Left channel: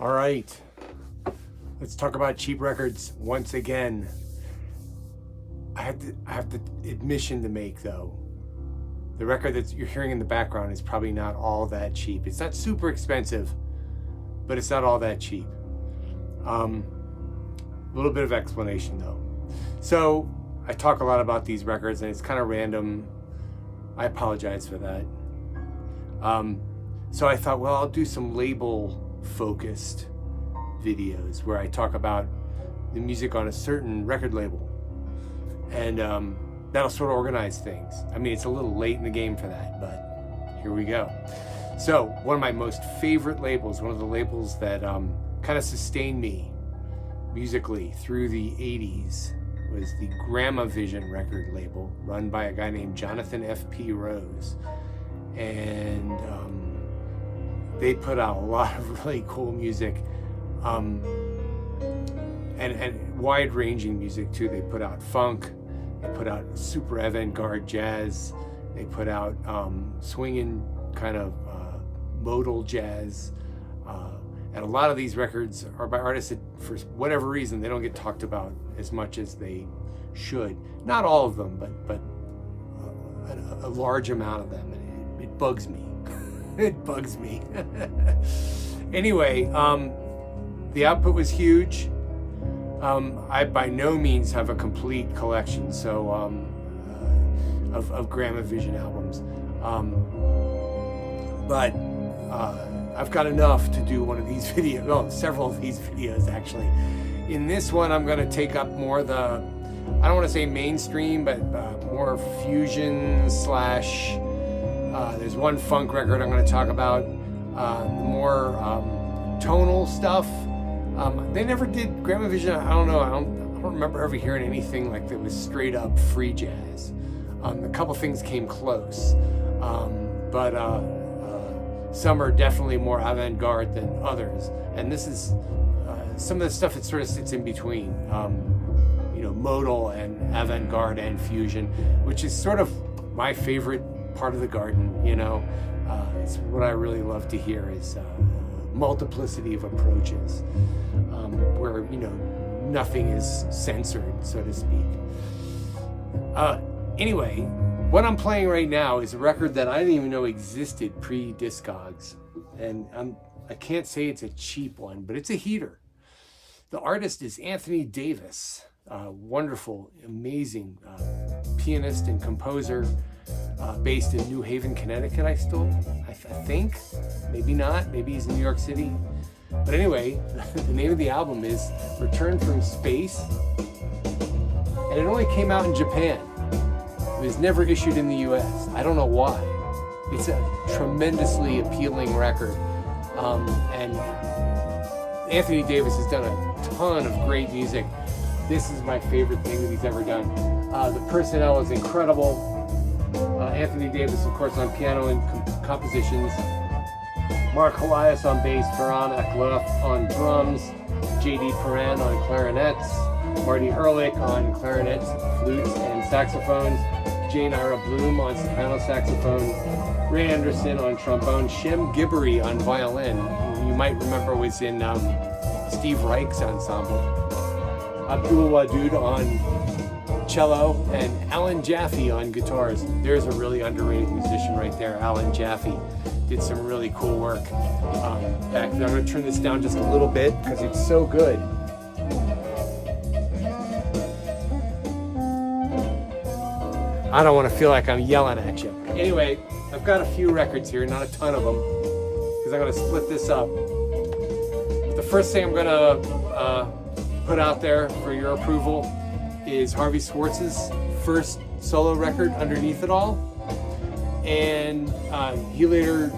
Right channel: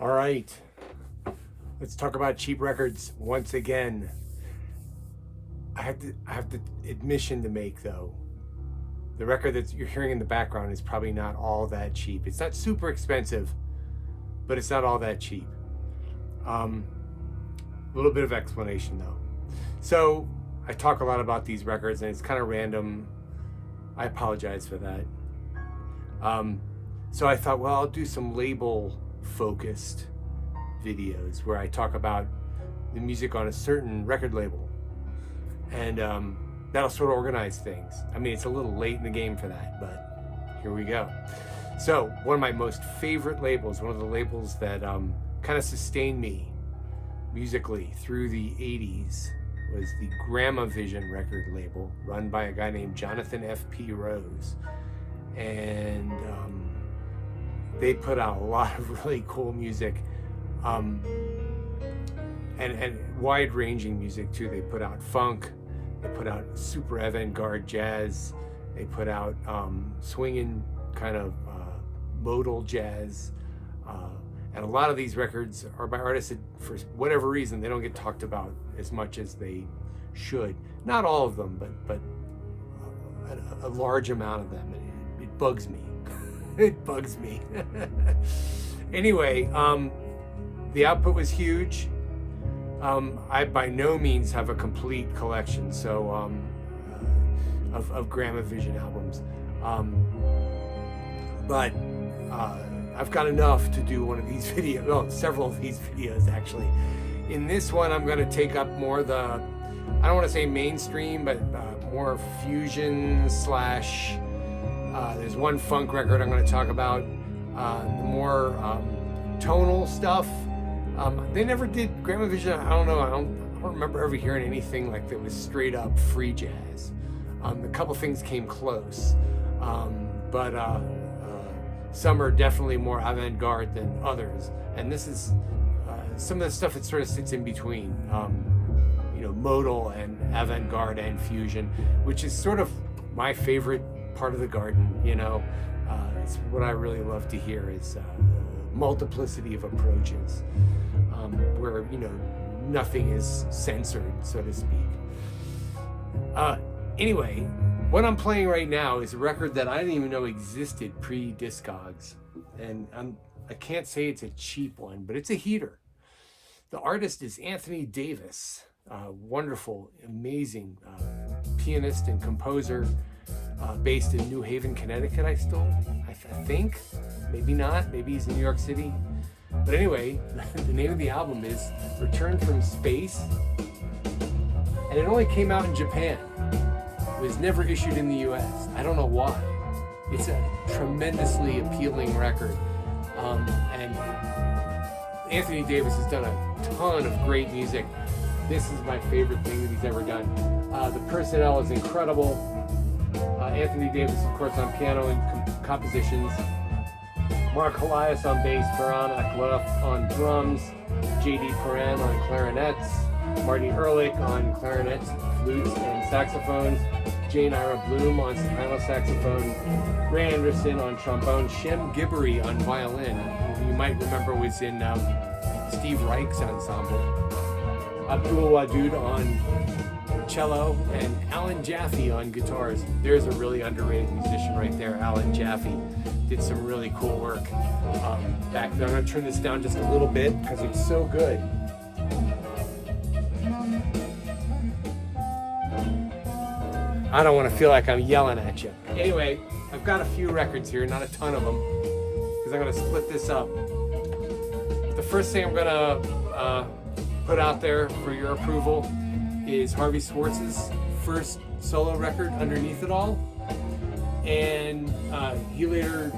All right, let's talk about cheap records once again. I have the admission to make though. The record that you're hearing in the background is probably not all that cheap. It's not super expensive, but it's not all that cheap. A little bit of explanation though. So I talk a lot about these records and it's kind of random. I apologize for that. So I thought, well, I'll do some label focused videos where I talk about the music on a certain record label. And that'll sort of organize things. I mean, it's a little late in the game for that, but here we go. So one of my most favorite labels, one of the labels that kind of sustained me musically through the 80s was the Gramavision record label run by a guy named Jonathan F.P. Rose. And they put out a lot of really cool music and wide-ranging music too. They put out funk, they put out super avant-garde jazz, they put out swinging kind of modal jazz, and a lot of these records are by artists that, for whatever reason, they don't get talked about as much as they should. Not all of them, but a large amount of them. It bugs me. It bugs me. Anyway, the output was huge. I by no means have a complete collection, so of Gramavision albums, but I've got enough to do one of these videos. Well, several of these videos actually. In this one, I'm going to take up more the, I don't want to say mainstream, but more fusion slash. There's one funk record I'm going to talk about. The more tonal stuff. They never did Gramavision. I don't know. I don't remember ever hearing anything like that was straight up free jazz. A couple things came close, but some are definitely more avant-garde than others. And this is some of the stuff that sort of sits in between, modal and avant-garde and fusion, which is sort of my favorite part of the garden. It's what I really love to hear is multiplicity of approaches, where nothing is censored, so to speak. Anyway, what I'm playing right now is a record that I didn't even know existed pre-Discogs, and I can't say it's a cheap one, but it's a heater. The artist is Anthony Davis, wonderful, amazing pianist and composer, based in New Haven, Connecticut. I think, maybe not, maybe he's in New York City. But anyway, the name of the album is Return from Space, and it only came out in Japan. It was never issued in the US. I don't know why. It's a tremendously appealing record. And Anthony Davis has done a ton of great music. This is my favorite thing that he's ever done. The personnel is incredible. Anthony Davis, of course, on piano and compositions. Mark Elias on bass, Baran Akloff on drums, J.D. Perrin on clarinets, Marty Ehrlich on clarinets, flutes, and saxophones, Jane Ira Bloom on soprano saxophone, Ray Anderson on trombone, Shem Gibbery on violin, who you might remember was in Steve Reich's ensemble, Abdul Wadud on cello, and Alan Jaffe on guitars. There's a really underrated musician right there. Alan Jaffe did some really cool work back then. I'm going to turn this down just a little bit because it's so good. I don't want to feel like I'm yelling at you. Anyway, I've got a few records here, not a ton of them, because I'm going to split this up. The first thing I'm going to put out there for your approval is Harvey Schwartz's first solo record, Underneath It All. And he later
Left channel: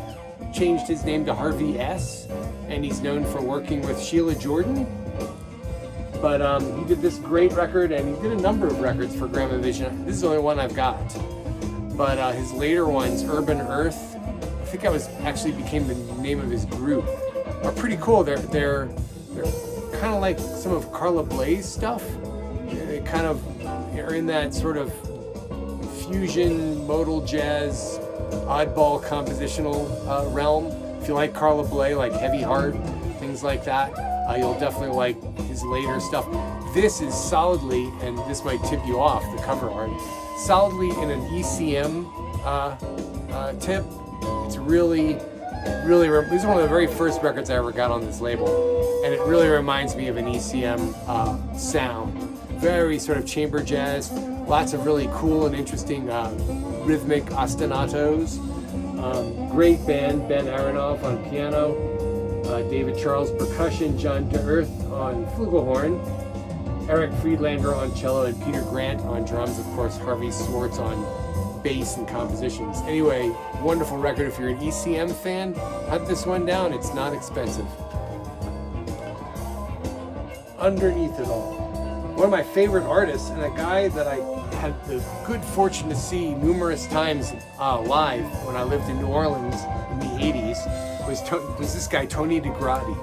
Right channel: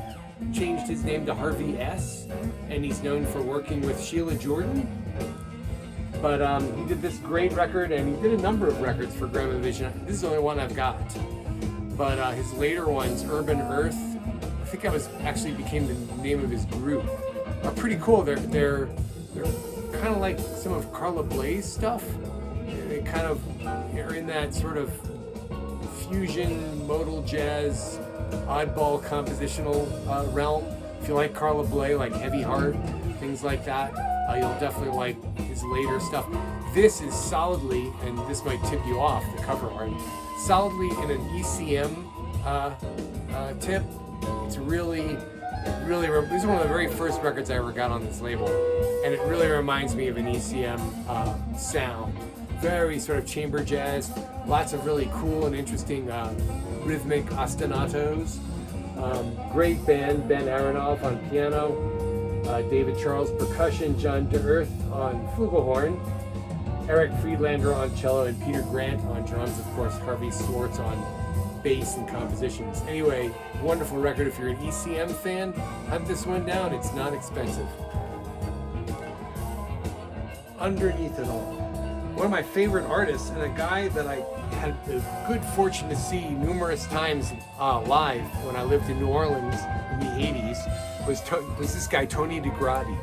changed his name to Harvey S. And he's known for working with Sheila Jordan. But he did this great record, and he did a number of records for Gramavision. This is the only one I've got. But his later ones, Urban Earth, I think that was actually became the name of his group, are pretty cool. They're kind of like some of Carla Bley's stuff. They kind of are in that sort of fusion, modal jazz, oddball compositional realm. If you like Carla Bley, like Heavy Heart, things like that. You'll definitely like his later stuff. This is solidly, and this might tip you off, the cover art, solidly in an ECM tip. It's really, this is one of the very first records I ever got on this label, and it really reminds me of an ECM sound. Very sort of chamber jazz, lots of really cool and interesting rhythmic ostinatos. Great band, Ben Aronoff on piano, David Charles percussion, John DeEarth on flugelhorn, Eric Friedlander on cello, and Peter Grant on drums. Of course, Harvey Schwartz on bass and compositions. Anyway, wonderful record. If you're an ECM fan, hunt this one down. It's not expensive. Underneath it all, one of my favorite artists, and a guy that I had the good fortune to see numerous times live when I lived in New Orleans in the 80s, was this guy, Tony Dagradi.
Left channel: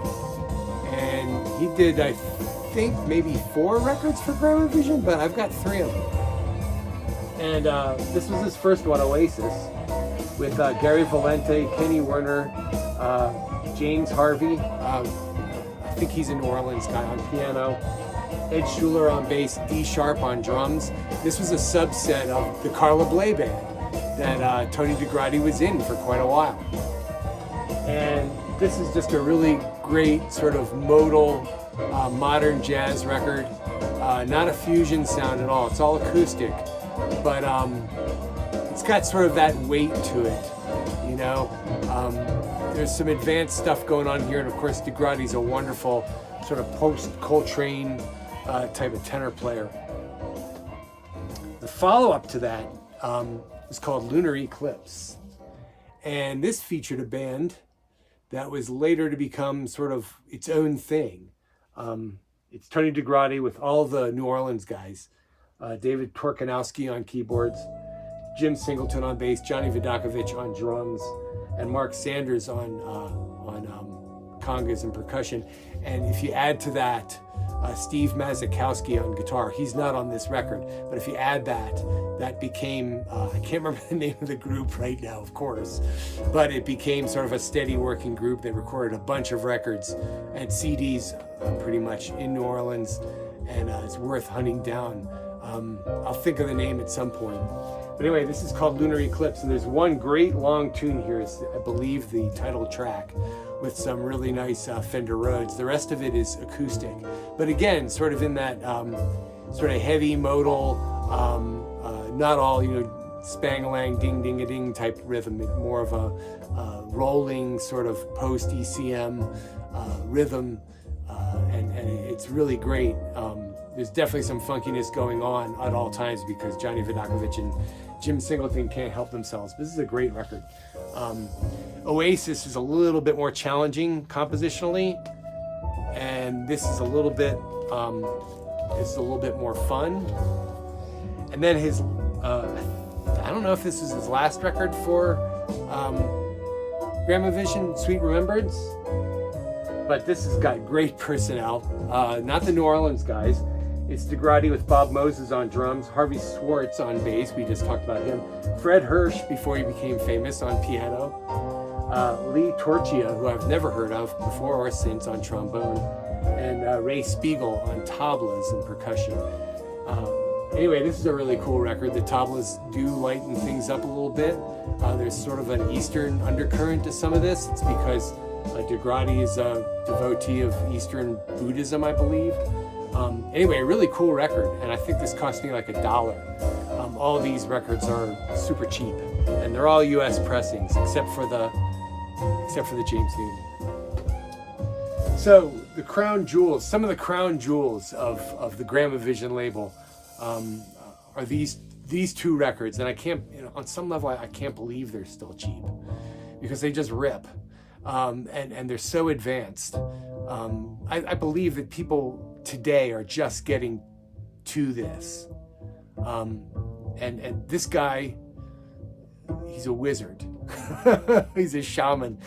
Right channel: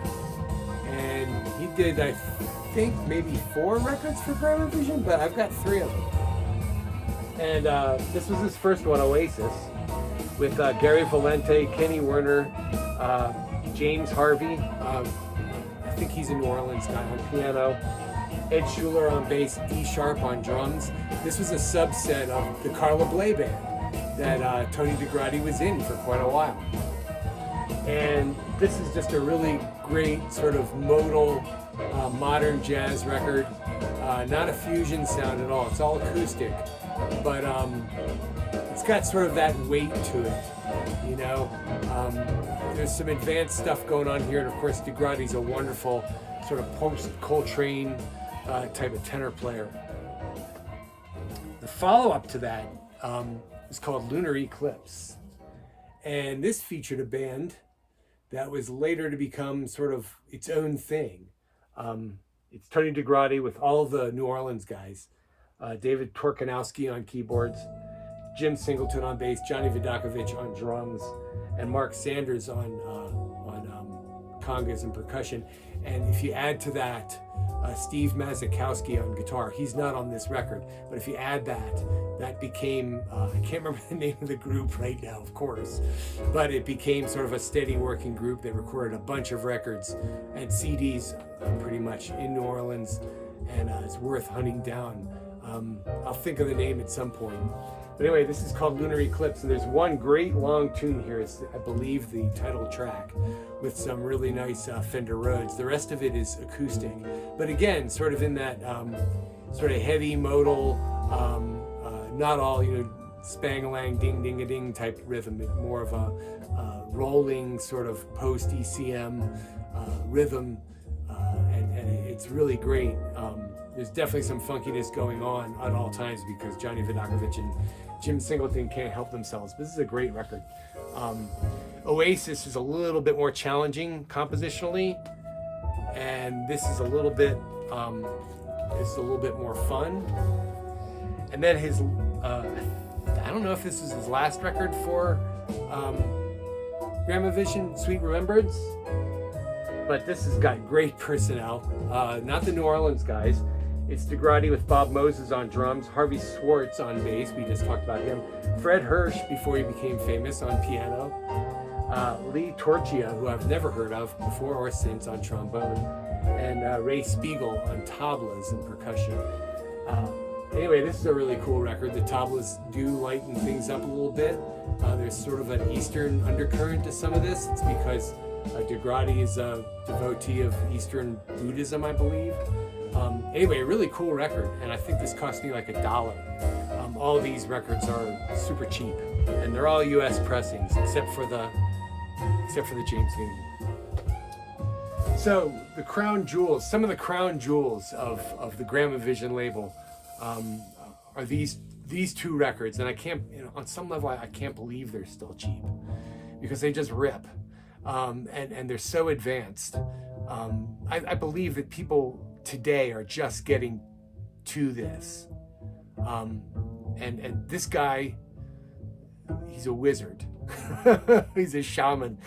And he did, I think, maybe 4 records for Gramavision, but I've got 3 of them. And this was his first one, Oasis, with Gary Valente, Kenny Werner, James Harvie. I think he's a New Orleans guy, on piano. Ed Schuler on bass, D Sharp on drums. This was a subset of the Carla Bley band that Tony Dagradi was in for quite a while. And this is just a really great sort of modal modern jazz record. Not a fusion sound at all, it's all acoustic. But it's got sort of that weight to it, you know. There's some advanced stuff going on here, and of course Dagradi's a wonderful sort of post-Coltrane type of tenor player. The follow-up to that is called Lunar Eclipse, and this featured a band that was later to become sort of its own thing. It's Tony Dagradi with all the New Orleans guys. David Torkanowski on keyboards, Jim Singleton on bass, Johnny Vidakovich on drums, and Mark Sanders on congas and percussion. And if you add to that Steve Mazakowski on guitar, he's not on this record, but if you add that became, I can't remember the name of the group right now, of course, but it became sort of a steady working group. They recorded a bunch of records and CDs pretty much in New Orleans, and it's worth hunting down. I'll think of the name at some point. But anyway, this is called Lunar Eclipse, and there's one great long tune here. It's, I believe, the title track, with some really nice Fender Rhodes. The rest of it is acoustic. But again, sort of in that sort of heavy modal, not all, you know, spang-a-lang, ding-ding-a-ding type rhythm, more of a rolling sort of post-ECM rhythm, and it's really great. There's definitely some funkiness going on at all times because Johnny Vidakovich and Jim Singleton can't help themselves. But this is a great record. Oasis is a little bit more challenging compositionally, and this is a little bit more fun. And then his, I don't know if this is his last record for Gramavision, Sweet Remembrance, but this has got great personnel. Not the New Orleans guys. It's Dagradi with Bob Moses on drums, Harvey Schwartz on bass, we just talked about him, Fred Hirsch, before he became famous, on piano, Lee Torchia, who I've never heard of before or since, on trombone, and Ray Spiegel on tablas and percussion. Anyway, this is a really cool record. The tablas do lighten things up a little bit. There's sort of an Eastern undercurrent to some of this. It's because Dagradi is a devotee of Eastern Buddhism, I believe. Anyway, a really cool record, and I think this cost me like $1. All these records are super cheap, and they're all U.S. pressings, except for the James Newton. So the crown jewels, some of the crown jewels of the Gramavision label are these 2 records, and I can't, you know, on some level, I can't believe they're still cheap because they just rip, and they're so advanced. I believe that people today are just getting to this, and this guy, he's a wizard. He's a shaman.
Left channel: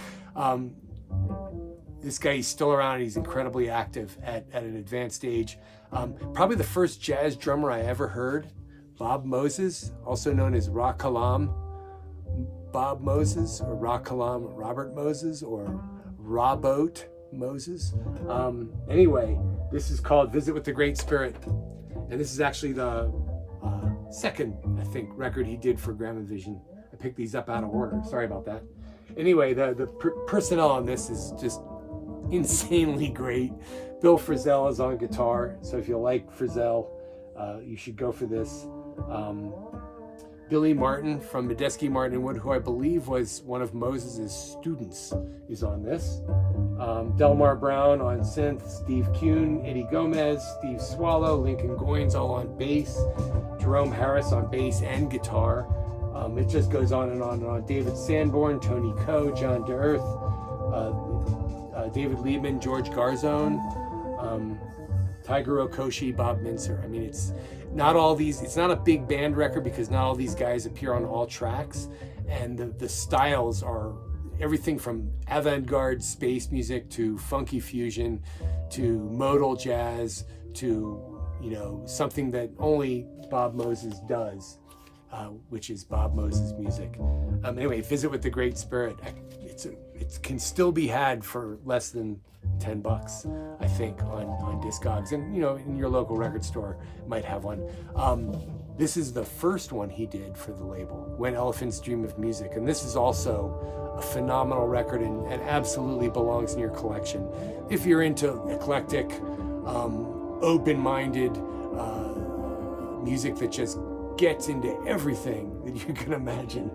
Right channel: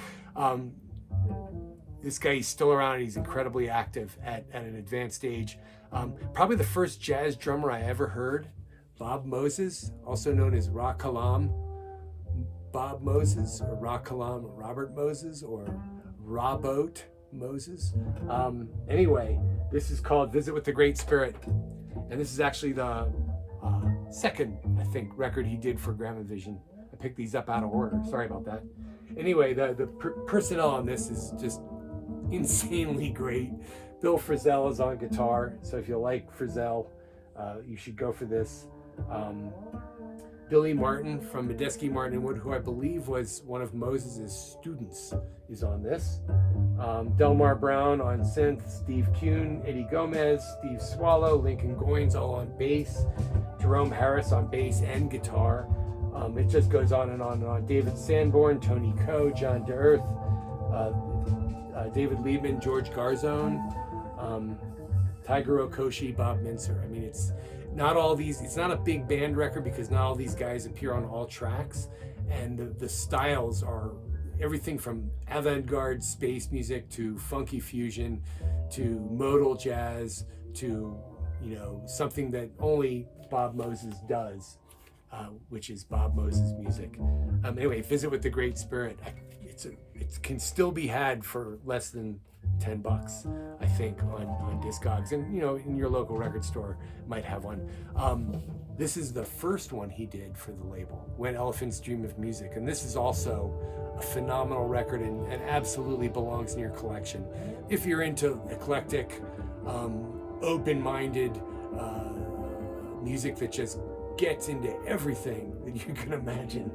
This guy, he's still around. He's incredibly active at an advanced age. Probably the first jazz drummer I ever heard, Bob Moses, also known as Ra Kalam Bob Moses, or Ra Kalam Robert Moses, or Ra Boat. Moses. Anyway, this is called Visit with the Great Spirit. And this is actually the second, I think, record he did for Gramavision. I picked these up out of order. Sorry about that. Anyway, the personnel on this is just insanely great. Bill Frisell is on guitar. So if you like Frisell, you should go for this. Billy Martin from Medeski, Martin and Wood, who I believe was one of Moses' students, is on this. Delmar Brown on synth, Steve Kuhn, Eddie Gomez, Steve Swallow, Lincoln Goins all on bass, Jerome Harris on bass and guitar. It just goes on and on and on. David Sanborn, Tony Coe, John DeEarth, David Liebman, George Garzone, Tiger Okoshi, Bob Mincer. I mean, it's not a big band record because not all these guys appear on all tracks, and the styles are everything from avant-garde space music to funky fusion to modal jazz to, you know, something that only Bob Moses does, which is Bob Moses music. Anyway, Visit with the Great Spirit. It can still be had for less than $10, I think, on Discogs, and you know, in your local record store might have one. This is the first one he did for the label, When Elephants Dream of Music, and this is also a phenomenal record and absolutely belongs in your collection if you're into eclectic, open-minded music that just gets into everything that you can imagine.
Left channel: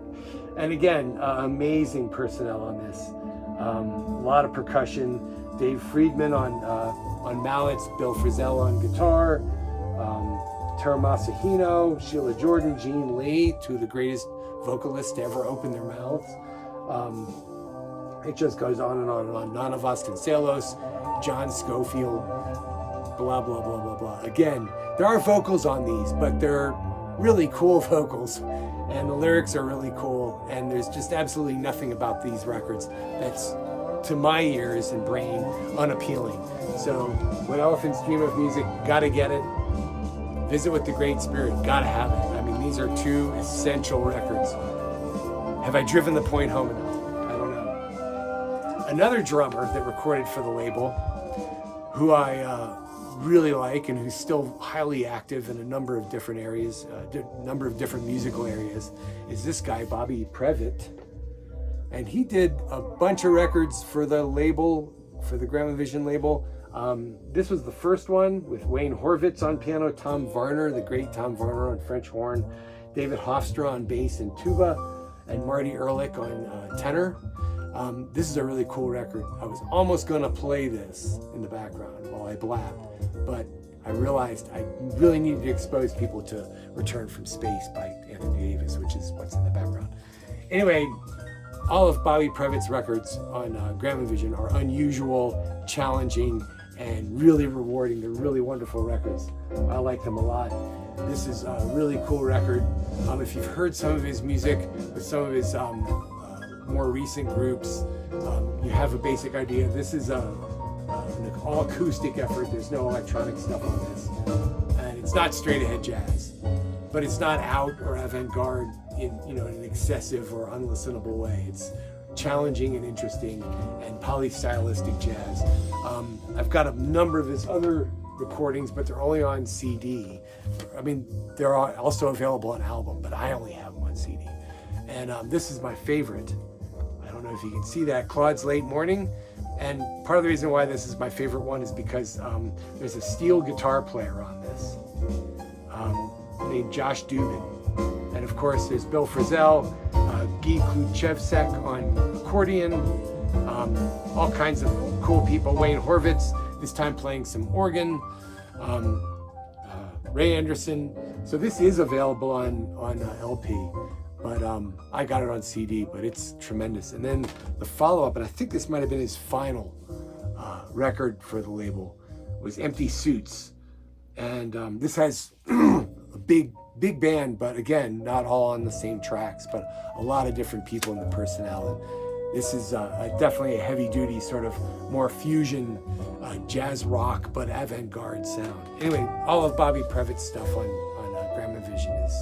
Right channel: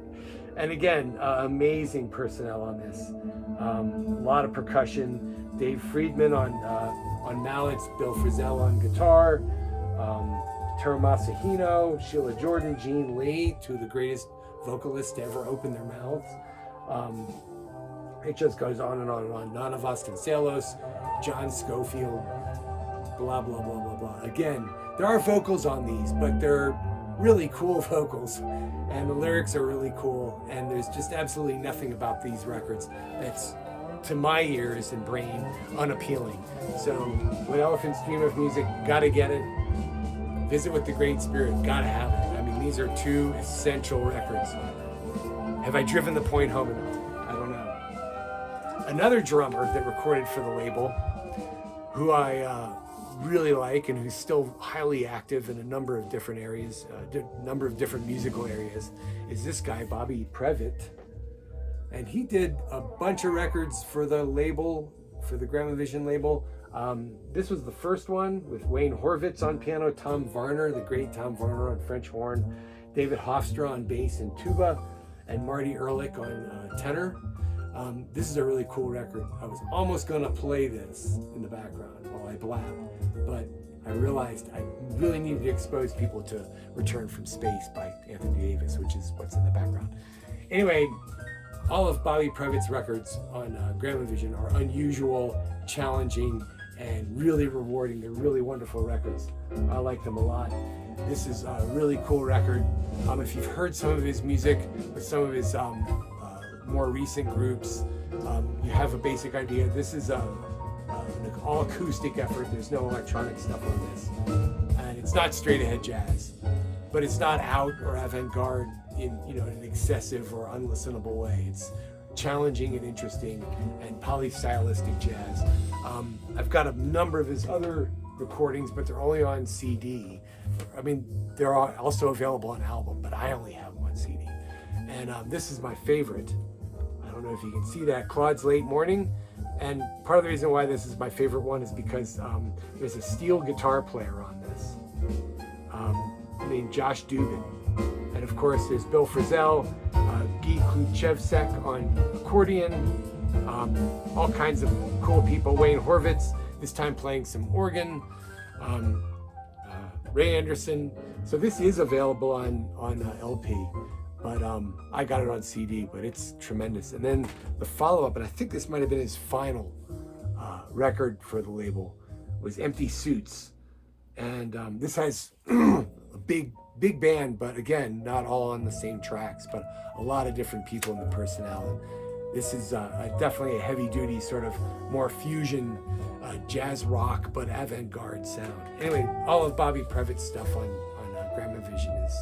And again, amazing personnel on this. A lot of percussion. Dave Friedman on mallets, Bill Frisell on guitar, Taro Masahino, Sheila Jordan, Gene Lee, two of the greatest vocalists to ever open their mouths. It just goes on and on and on. Nana Vasconcelos, John Schofield, blah, blah, blah, blah, blah. Again, there are vocals on these, but they're really cool vocals, and the lyrics are really cool, and there's just absolutely nothing about these records that's, to my ears and brain, unappealing. So, When Elephants Dream of Music, gotta get it. Visit with the Great Spirit, gotta have it. I mean, these are two essential records. Have I driven the point home enough? I don't know. Another drummer that recorded for the label, who I really like and who's still highly active in a number of different areas, number of different musical areas, is this guy, Bobby Previte. And he did a bunch of records for the label, for the Gramavision label. This was the first one with Wayne Horvitz on piano, Tom Varner, the great Tom Varner on French horn, David Hofstra on bass and tuba, and Marty Ehrlich on tenor. This is a really cool record. I was almost going to play this in the background while I blabbed, but I realized I really needed to expose people to Return from Space by Anthony Davis, which is what's in the background. Anyway, all of Bobby Previte's records on Gramavision are unusual, challenging, and really rewarding. They're really wonderful records. I like them a lot. This is a really cool record. If you've heard some of his music with some of his more recent groups, you have a basic idea. This is an all acoustic effort. There's no electronic stuff on this. And it's not straight ahead jazz, but it's not out or avant-garde in an excessive or unlistenable way. It's challenging and interesting and polystylistic jazz. I've got a number of his other recordings, but they're only on CD. I mean, they're also available on album, but I only have them on CD. And this is my favorite. I don't know if you can see that, Claude's Late Morning. And part of the reason why this is my favorite one is because there's a steel guitar player on this named Josh Dubin. And of course, there's Bill Frisell, Guy Kluchevsek on accordion, all kinds of cool people. Wayne Horvitz, this time playing some organ, Ray Anderson. So this is available on LP, but I got it on CD, but it's tremendous. And then the follow-up, and I think this might have been his final record for the label, was Empty Suits. And this has a big band, but again, not all on the same tracks, but a lot of different people in the personnel. And this is definitely a heavy-duty, sort of more fusion, jazz rock, but avant-garde sound. Anyway, all of Bobby Previte's stuff on Gramavision is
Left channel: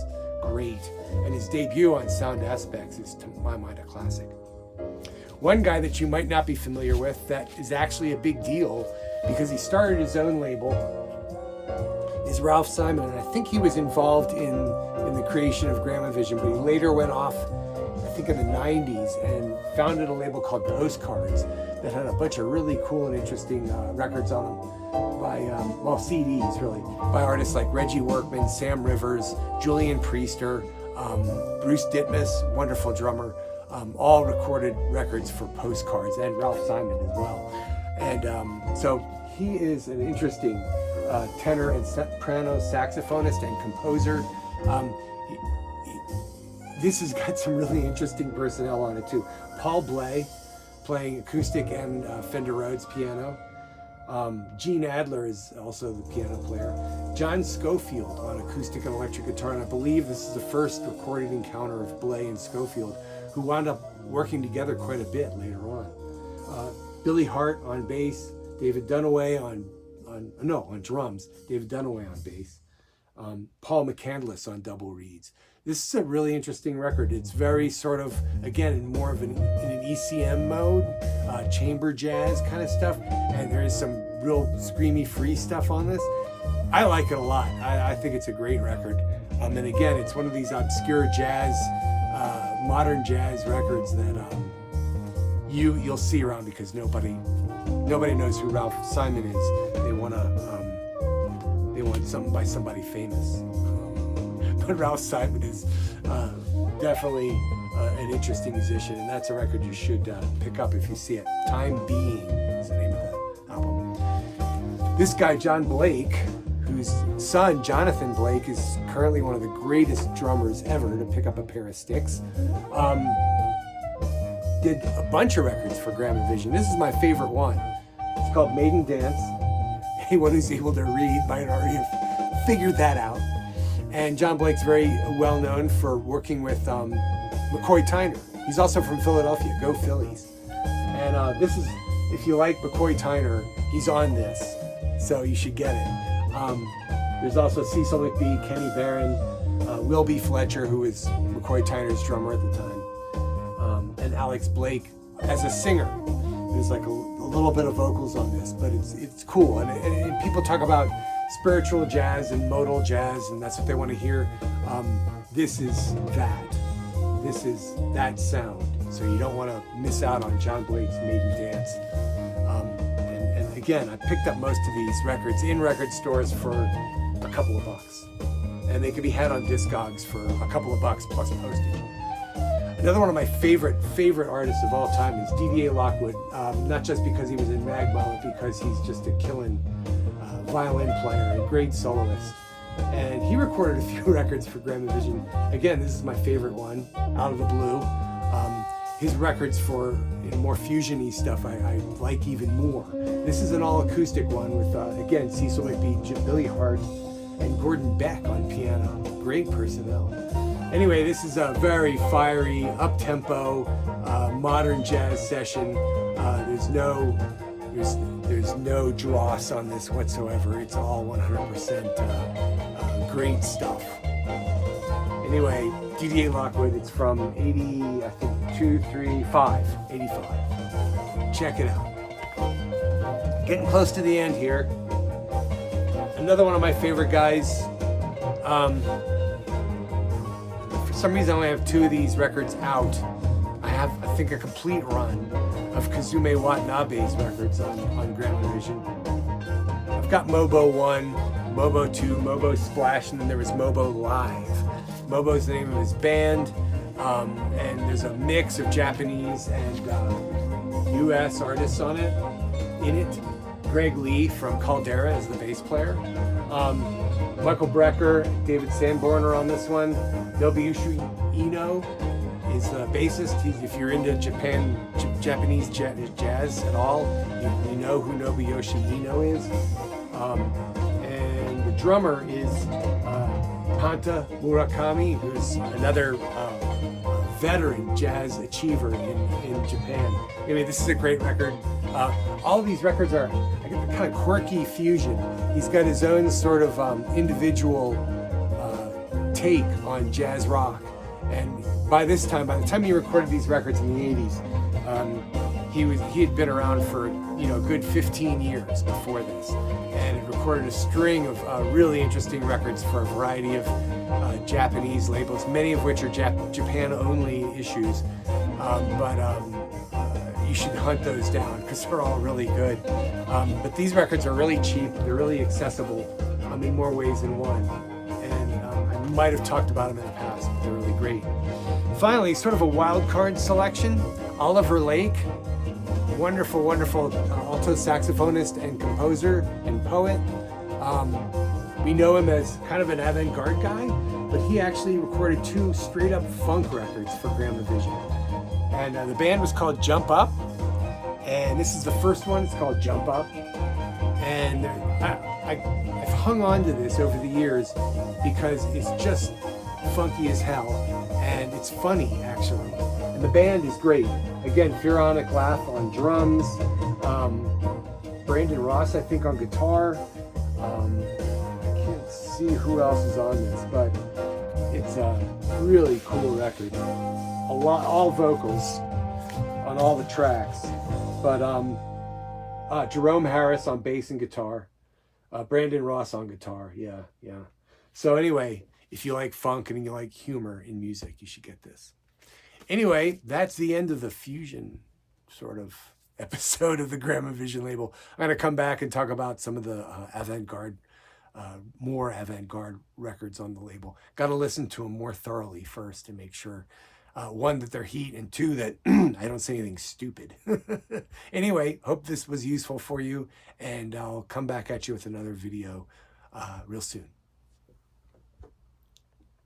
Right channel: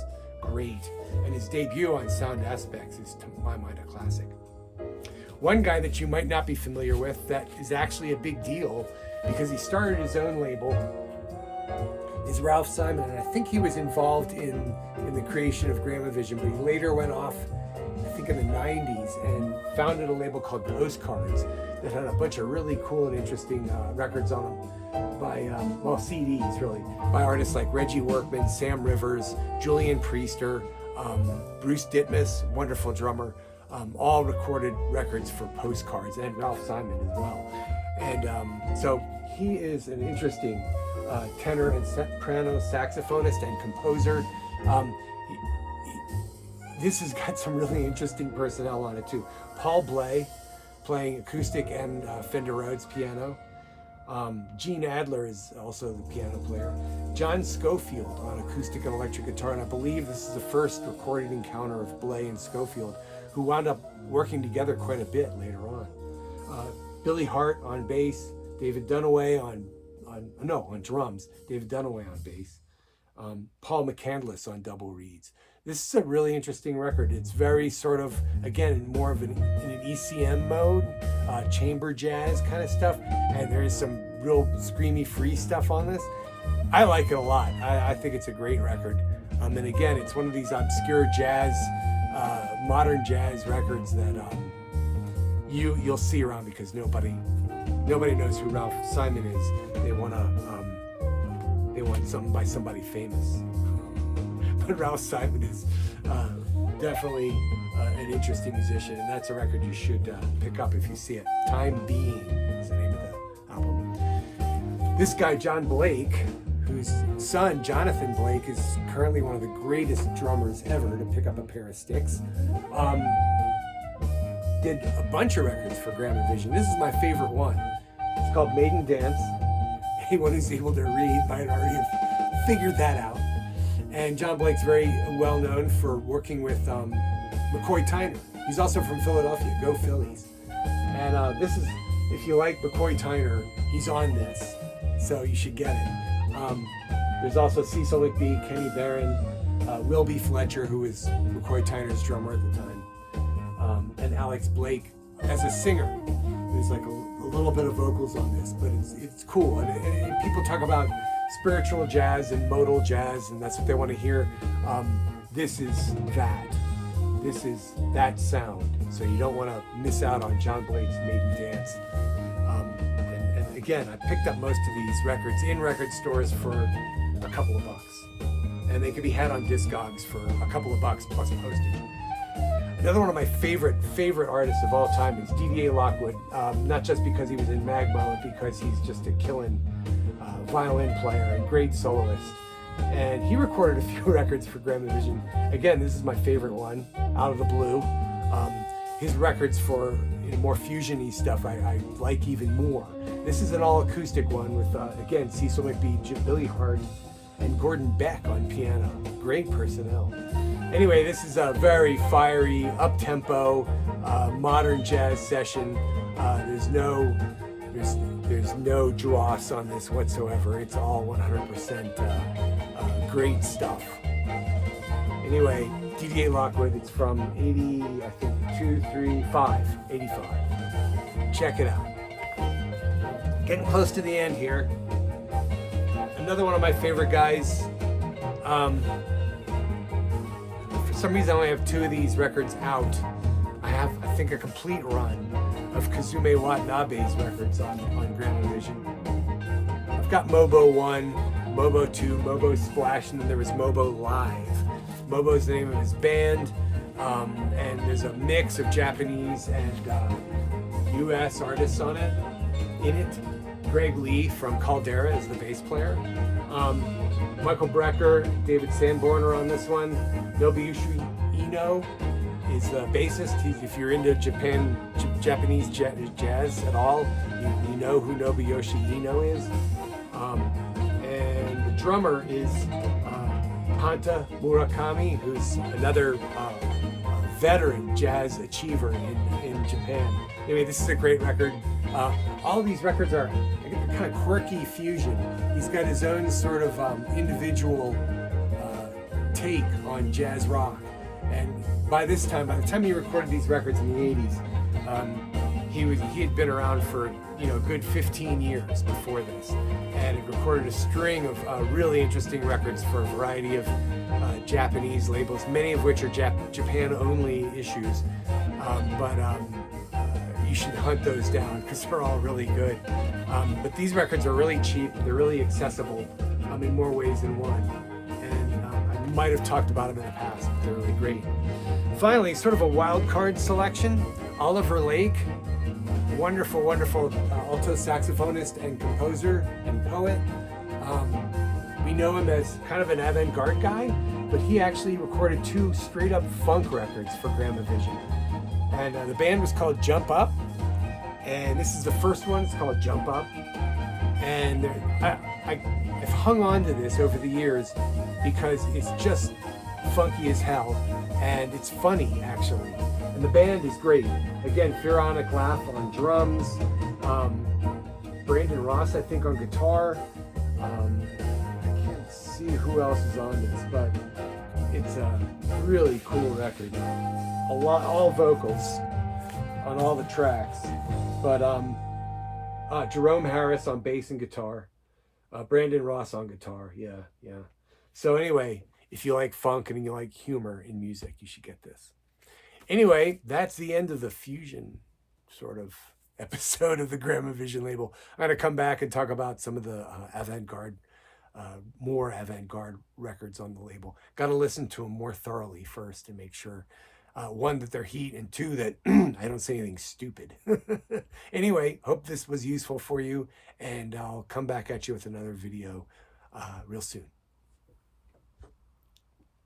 great, and his debut on Sound Aspects is, to my mind, a classic. One guy that you might not be familiar with that is actually a big deal because he started his own label is Ralph Simon. And I think he was involved in the creation of Gramavision, but he later went off, I think in the 90s, and founded a label called Postcards that had a bunch of really cool and interesting records on them by, CDs really, by artists like Reggie Workman, Sam Rivers, Julian Priester, Bruce Ditmas, wonderful drummer, all recorded records for Postcards, and Ralph Simon as well. And so he is an interesting tenor and soprano saxophonist and composer. This has got some really interesting personnel on it too. Paul Bley playing acoustic and Fender Rhodes piano. Gene Adler is also the piano player. John Schofield on acoustic and electric guitar, and I believe this is the first recorded encounter of Bley and Schofield, who wound up working together quite a bit later on. Billy Hart on bass, David Dunaway on drums, David Dunaway on bass, Paul McCandless on double reeds. This is a really interesting record. It's very sort of, again, more of in an ECM mode, chamber jazz kind of stuff, and there is some real screamy free stuff on this. I like it a lot. I think it's a great record. And again, it's one of these obscure jazz, modern jazz records that you'll see around because nobody knows who Ralph Simon is. They want something by somebody famous. But Ralph Simon is definitely an interesting musician, and that's a record you should pick up if you see it. Time Being is the name of the album. This guy, John Blake, whose son, Jonathan Blake, is currently one of the greatest drummers ever to pick up a pair of sticks, did a bunch of records for Gramavision. This is my favorite one. It's called Maiden Dance. Anyone who's able to read might already have figured that out. And John Blake's very well known for working with McCoy Tyner. He's also from Philadelphia. Go Phillies. And this is, if you like McCoy Tyner, he's on this, so you should get it. There's also Cecil McBee, Kenny Barron, Will B. Fletcher, who was McCoy Tyner's drummer at the time, and Alex Blake as a singer. There's like a little bit of vocals on this, but it's cool. And people talk about spiritual jazz and modal jazz, and that's what they want to hear. This is that. This is that sound. So you don't want to miss out on John Blake's Maiden Dance. And again, I picked up most of these records in record stores for a couple of bucks. And they can be had on Discogs for a couple of bucks plus postage. Another one of my favorite artists of all time is Didier Lockwood. Not just because he was in Magma, but because he's just a killing violin player and great soloist. And he recorded a few records for Gramavision. Again, this is my favorite one, Out of the Blue. His records for more fusion-y stuff I like even more. This is an all-acoustic one with, again, Cecil McBee, Billy Hart, and Gordon Beck on piano. Great personnel. Anyway, this is a very fiery, up-tempo, modern jazz session. There's no dross on this whatsoever. It's all 100% great stuff. Anyway, Didier Lockwood, it's from 85. Check it out. Getting close to the end here. Another one of my favorite guys. For some reason, I only have two of these records out. I have, I think, a complete run of Kazumi Watanabe's records on Gramavision. I've got Mobo 1, Mobo 2, Mobo Splash, and then there was Mobo Live. Mobo's the name of his band, and there's a mix of Japanese and US artists in it. Greg Lee from Caldera is the bass player. Michael Brecker, David Sanborn are on this one. Nobuyushi Ino is the bassist. If you're into Japanese jazz at all, you know who Nobuyoshi Ino is. And the drummer is Panta Murakami, who's another veteran jazz achiever in Japan. Anyway, this is a great record. All of these records are kind of quirky fusion. He's got his own sort of individual take on jazz rock. And by the time he recorded these records in the 80s, he had been around for, you know, a good 15 years before this, and had recorded a string of really interesting records for a variety of Japanese labels, many of which are Japan-only issues. You should hunt those down because they're all really good. But these records are really cheap. They're really accessible in more ways than one. And I might have talked about them in the past, but they're really great. Finally, sort of a wild card selection. Oliver Lake, wonderful, wonderful alto saxophonist and composer and poet. We know him as kind of an avant-garde guy, but he actually recorded 2 straight-up funk records for Gramavision. And the band was called Jump Up, and this is the first one. It's called Jump Up, and I've hung on to this over the years because it's just funky as hell, and it's funny actually. And the band is great. Again, Pharaonic Laugh on drums, Brandon Ross I think on guitar. I can't see who else is on this, but it's a really cool record. All vocals on all the tracks, but Jerome Harris on bass and guitar, Brandon Ross on guitar. Yeah. So anyway, if you like funk and you like humor in music, you should get this. Anyway, that's the end of the fusion sort of episode of the Gramavision label. I'm going to come back and talk about some of the avant-garde, more avant-garde records on the label. Got to listen to them more thoroughly first and make sure, one, that they're heat, and 2, that I don't say anything stupid. Anyway, hope this was useful for you, and I'll come back at you with another video real soon.